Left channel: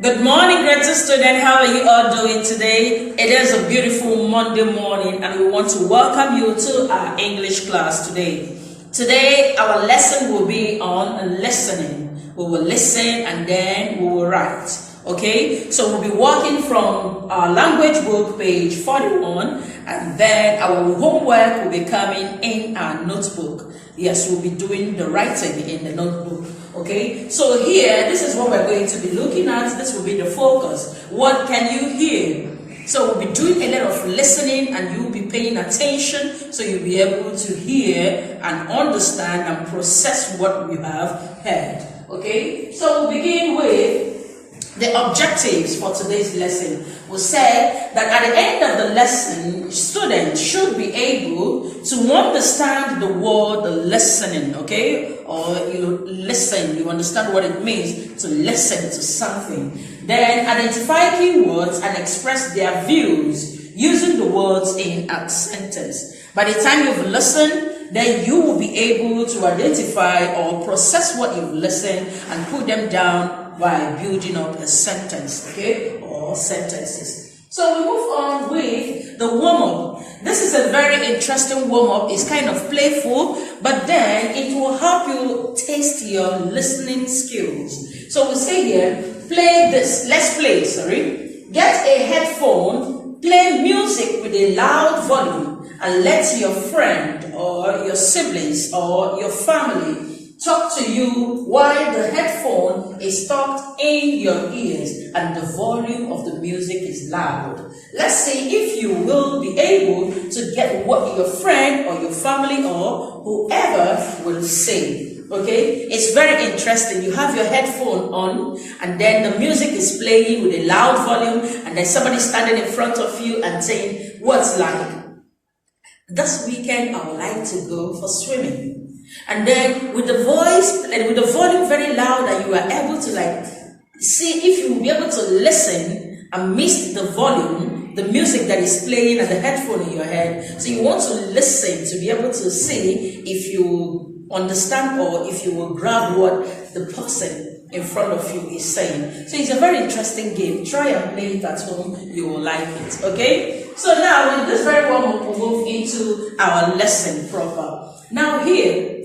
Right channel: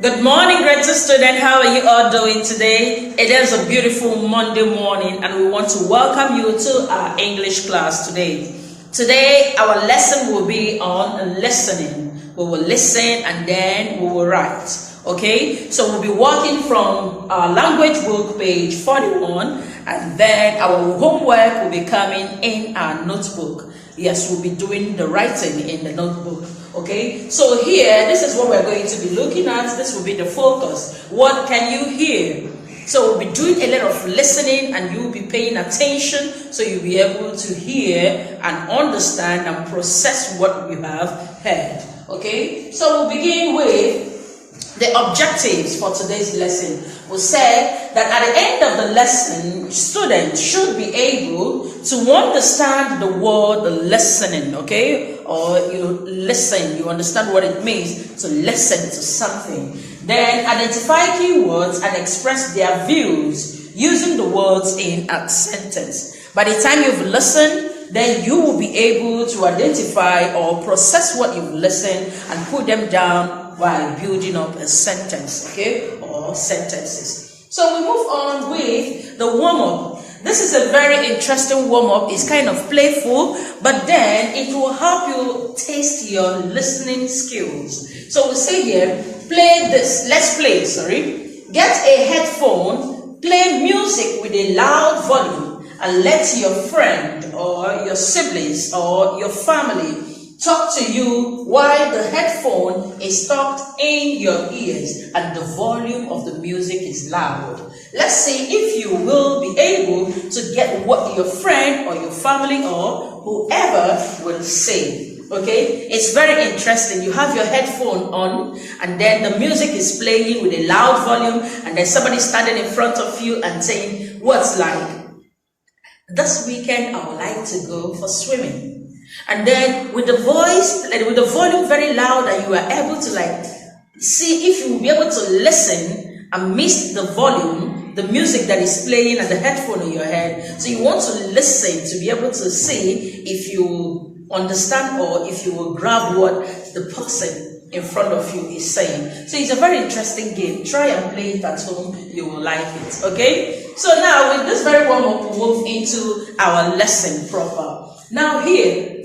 Good morning, great student. How are you all doing today? It is a beautiful Monday morning, and we want to welcome you to our English class today. Today, our lesson will be on listening. We will listen and then we will write. Okay, so we'll be working from our language book, page 41, and then our homework will be coming in our notebook. Yes, we'll be doing the writing in the notebook. Okay, so here, this is what we're going to be looking at. This will be the focus. What can you hear? So we'll be doing a lot of listening and you'll be paying attention so you'll be able to hear and understand and process what we have heard. Okay, so we'll begin with the objectives for today's lesson. We said that at the end of the lesson, students should be able to understand the word listening, okay? Or you listen, you understand what it means to listen to something. Then identify keywords and express their views using the words in a sentence. By the time you've listened, then you will be able to identify or process what you've listened and put them down by building up a sentence, okay, or sentences. So we move on with the warm-up. This is a very interesting warm-up. It's kind of playful, but then it will help you test your listening skills. So we say here, play this. Let's play, sorry. Get a headphone, play music with a loud volume, and let your friend or your siblings or your family talk to you while the headphone is tucked in your ears and the volume of the music is loud. Let's see if you will be able to get what your friend or your family or whoever will say. Okay, it's very interesting. You have your headphone on and then the music is playing with a loud volume and then somebody standing in front of you and saying, what's like? This weekend I would like to go for swimming. And then with the voice and with the volume very loud, and you are able to like see if you will be able to listen and miss the volume, the music that is playing and the headphone in your head. So you want to listen to be able to see if you understand or if you will grab what the person in front of you is saying. So it's a very interesting game. Try and play it at home. You will like it. Okay. So now with this very one, we'll move into our lesson proper. Now here,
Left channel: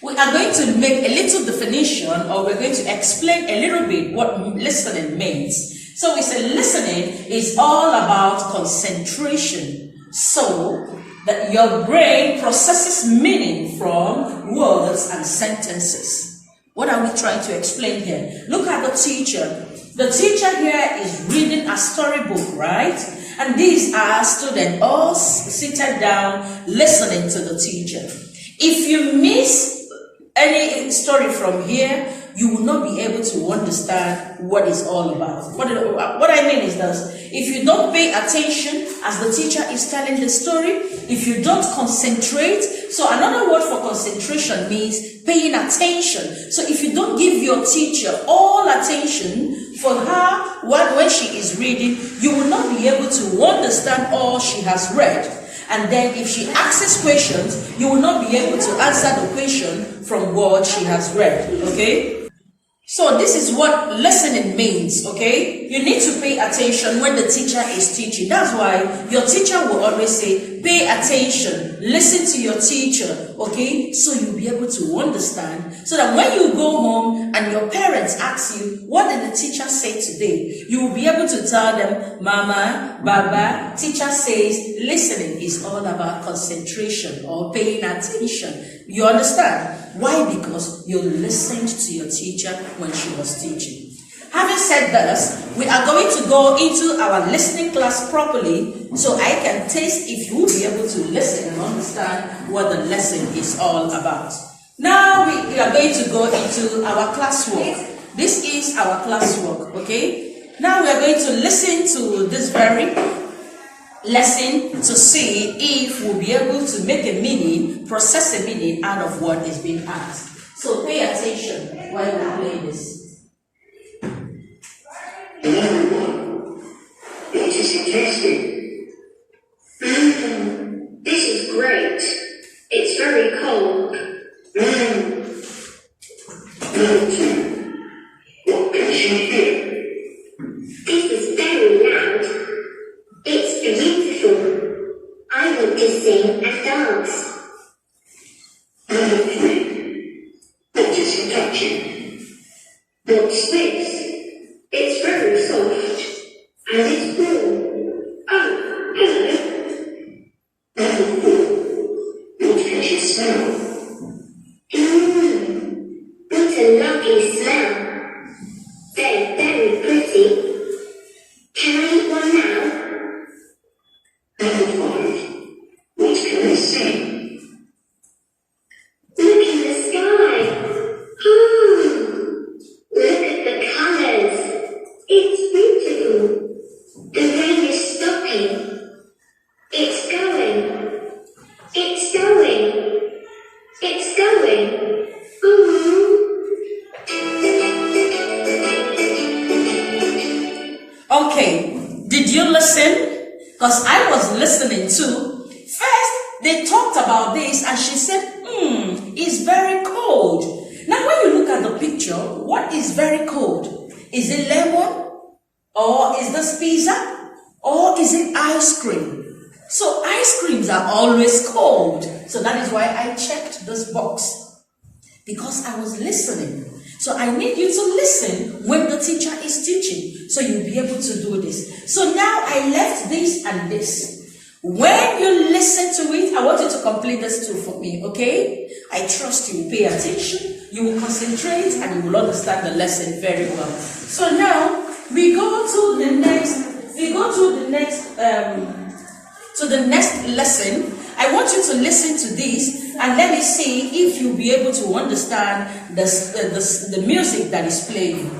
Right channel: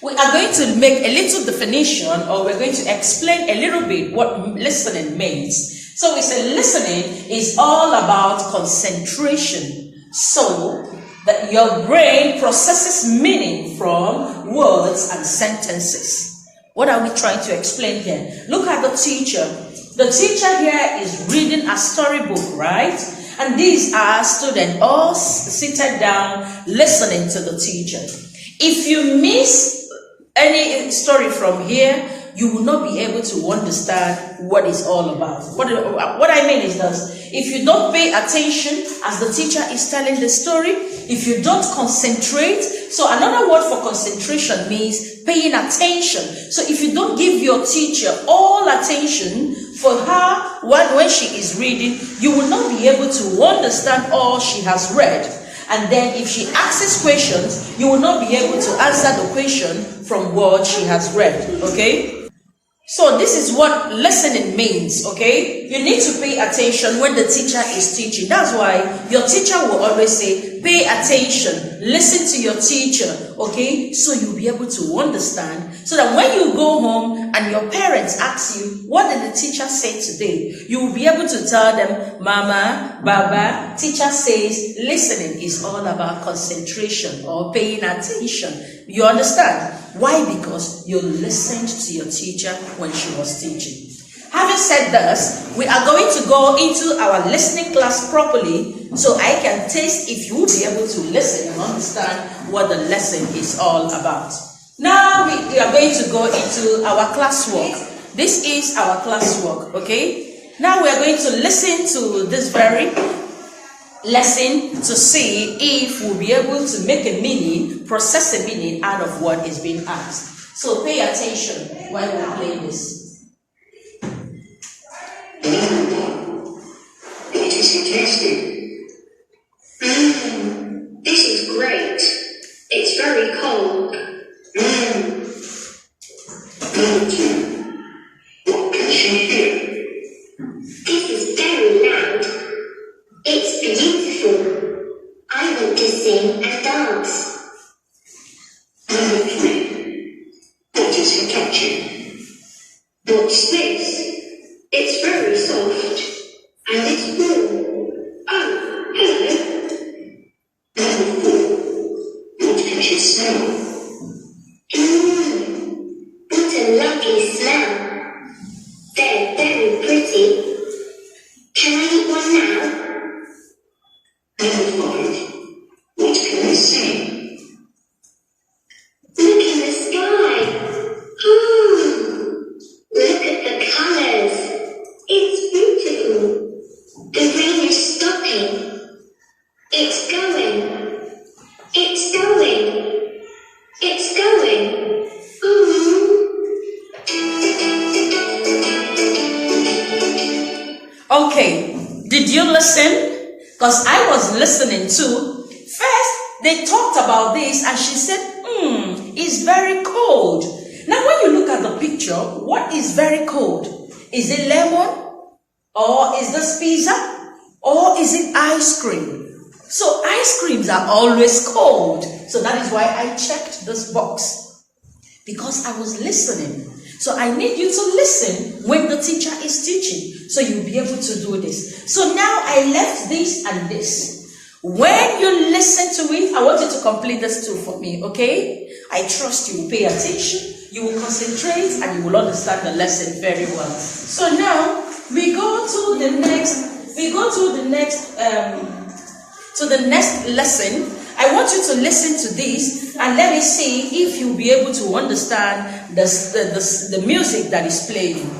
we are going to make a little definition, or we're going to explain a little bit what listening means. So we say listening is all about concentration, so that your brain processes meaning from words and sentences. What are we trying to explain here? Look at the teacher. The teacher here is reading a storybook, right? And these are students all seated down listening to the teacher. If you miss any story from here, you will not be able to understand what it's all about. What I mean is this: if you don't pay attention as the teacher is telling the story, if you don't concentrate, so another word for concentration means paying attention. So if you don't give your teacher all attention for her when she is reading, you will not be able to understand all she has read. And then if she asks questions, you will not be able to answer the question from what she has read, okay? So this is what listening means, okay? You need to pay attention when the teacher is teaching. That's why your teacher will always say, pay attention, listen to your teacher, okay? So you'll be able to understand, so that when you go home and your parents ask you, what did the teacher say today? You will be able to tell them, Mama, Baba, teacher says listening is all about concentration or paying attention. You understand? Why? Because you listened to your teacher when she was teaching. Having said this, we are going to go into our listening class properly so I can test if you will be able to listen and understand what the lesson is all about. Now we are going to go into our classwork. This is our classwork, okay? Now we are going to listen to this very lesson to see if we'll be able to make a meaning, process a meaning out of what is being asked. So pay attention while we play this. What is he tasting? This is great. It's very cold. What can she hear? this? It's very soft. And it's blue. Oh, hello. What can you smell? What a lovely smell. They're very pretty. Can I eat one now? Never mind. What can I say? Look in the sky. Look at the colours. It's beautiful. The rain is stopping. It's going. It's going. It's going. Okay, did you listen? Because I was listening too. First, they talked about this and she said, it's very cold. Now, when you look at the picture, what is very cold? Is it lemon? Or is this pizza? Or is it ice cream? So ice creams are always cold. So that is why I checked this box. Because I was listening. So I need you to listen when the teacher is teaching. So you'll be able to do this. So now I left this and this. When you listen to it, I want you to complete this too for me, okay? I trust you will pay attention, you will concentrate, and you will understand the lesson very well. So now we go to the next lesson. I want you to listen to this and let me see if you'll be able to understand the music that is playing.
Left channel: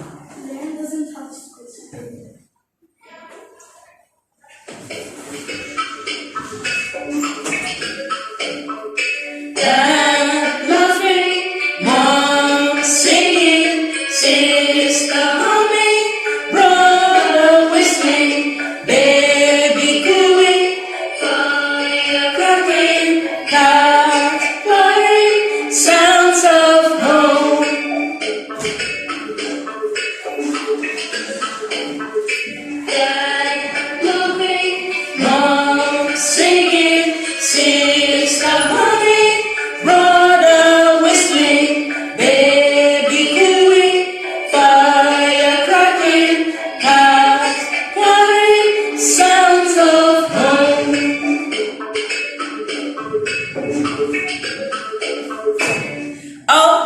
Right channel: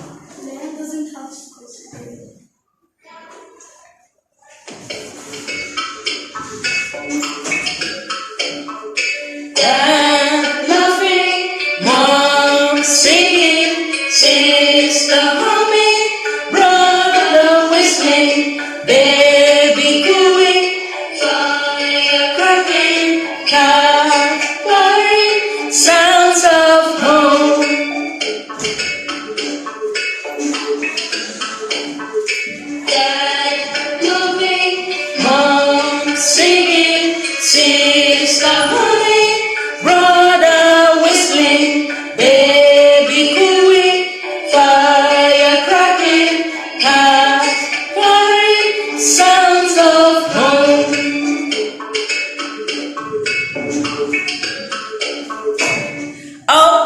Dad laughing, mom singing, sister humming, brother whistling, baby cooing, fire cracking, cat purring, sounds of home. Dad laughing, mom singing, sister humming, brother whistling, baby cooing, fire cracking, cat purring, sounds of home.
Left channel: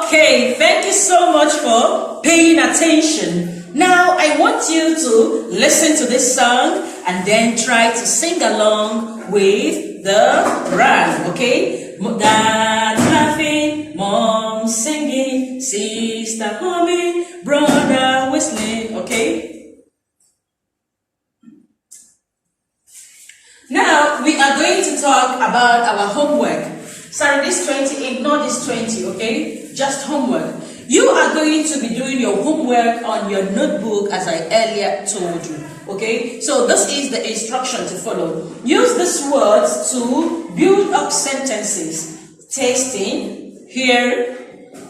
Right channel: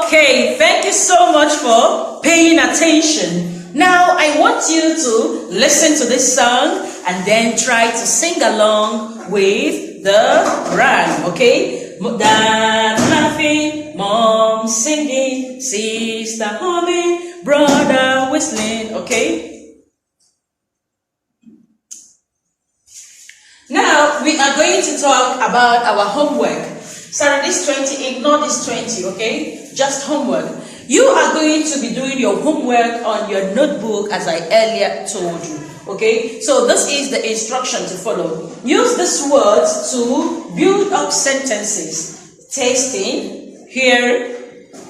Okay, thank you so much for paying attention. Now I want you to listen to this song and then try to sing along with the rhyme, okay? Dad laughing, mom singing, sister humming, brother whistling, okay? Now we are going to talk about our homework. Sorry, this 20, ignore this 20, okay? Just homework. You are going to be doing your homework on your notebook as I earlier told you, okay? So this is the instruction to follow. Use these words to build up sentences. Tasting, hear,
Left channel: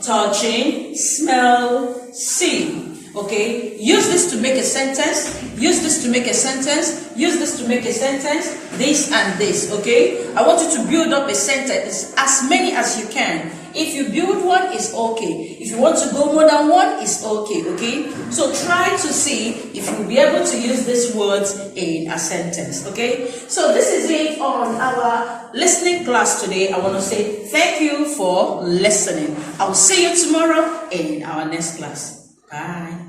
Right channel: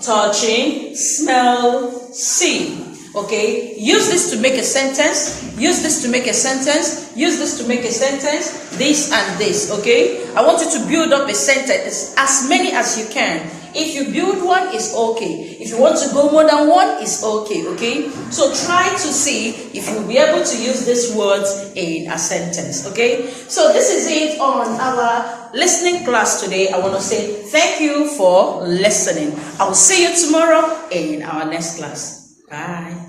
touching, smell, see. Okay, use this to make a sentence, use this to make a sentence, use this to make a sentence, this and this, okay? I want you to build up a sentence, as many as you can. If you build one, it's okay. If you want to go more than one, it's okay, okay? So try to see if you'll be able to use these words in a sentence, okay? So this is it on our listening class today. I want to say thank you for listening. I will see you tomorrow in our next class. Bye.